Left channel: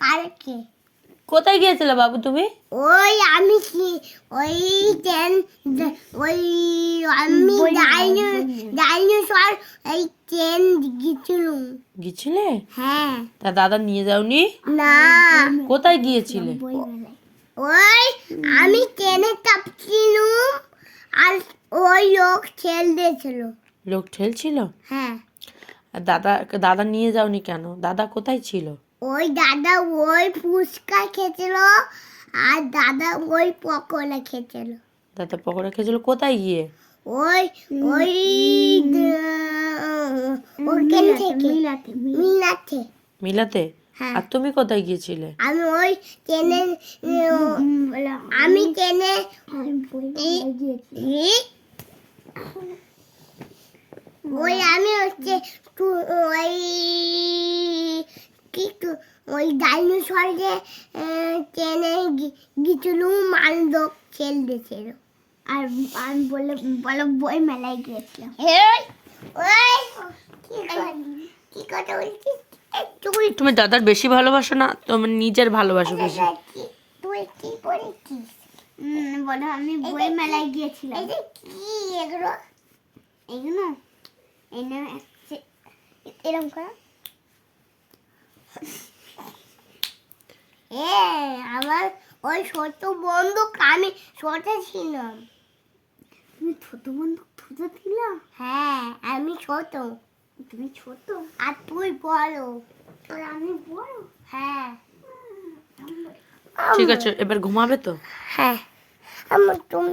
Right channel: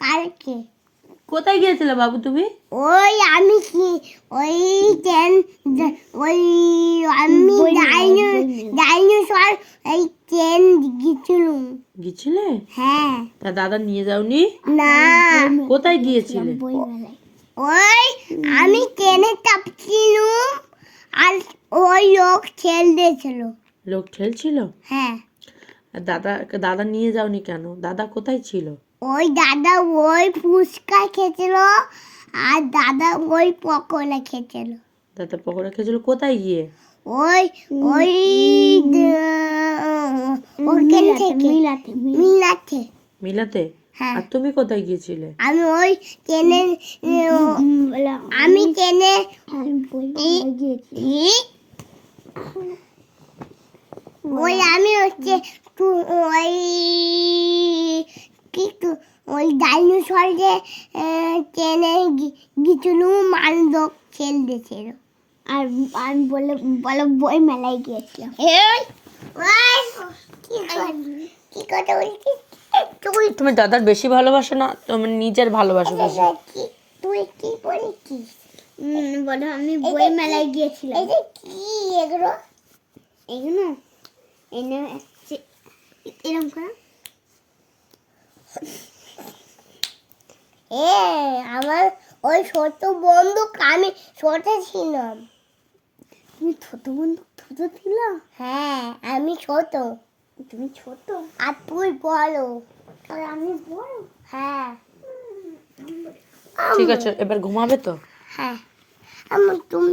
কালকে। কোথায় গিয়েছিলে বাবু তুমি? ওই আমি কি ওই ট্রেন ওই আমি ডাইনোসর এই ট্রেন গিয়েছিলে? হ্যাঁ। তা দাদা নিয়ে যাওনি? না। কোথায় গিয়েছিলে? ওই আমি ট্রেনে চাপছিলাম আর ওই লোক ঠেলছিল। লোক ঠেলছিল? হ্যাঁ। আর দাদা নিয়ে যাওনি কেন? দাদা কোথায় ছিল? ওই দাদা ওই ফুচকা খেয়েছিল আর দাদা ওই পকোড়া খেয়েছিল। দাদা পকোড়া খেয়েছিল কোথায় গিয়ে? ওই ওই ওখান থেকে মিলাতে। মিলাতে? হ্যাঁ। আর তুমি কোথায় গিয়েছিলে? আমি ওই ট্রেনে আমি ট্রেনে ওই আমি হচ্ছে ওই কিন্তু ওই ডাইনোসর যে ট্রেনে গিয়েছিলাম আর লোক ঠেল দিয়েছিল। আর আমি বলে বই মেলায় গিয়েছিলাম। কি কথা বলছিস? তুমি দাদার বেশি ভালোবাসো না তুমি নিজের ভালোবাসো বেশি? তুই কি বলছিস? বলো আমি বই মেলায় গিয়েছিলাম। কি এগুলো? এগুলো এরকম করা। আমার ওই ছোট বন্দুক আমি ছোট ছিলাম। তুমি ছোট বন্দুক ছোট ছিল? হ্যাঁ আমি ছোট। তুমি ছোট আর তুই বড় আর আমি বড়। হ্যাঁ। ঠিক আছে এবার ঘুমাবে তো? হ্যাঁ আমার তুমি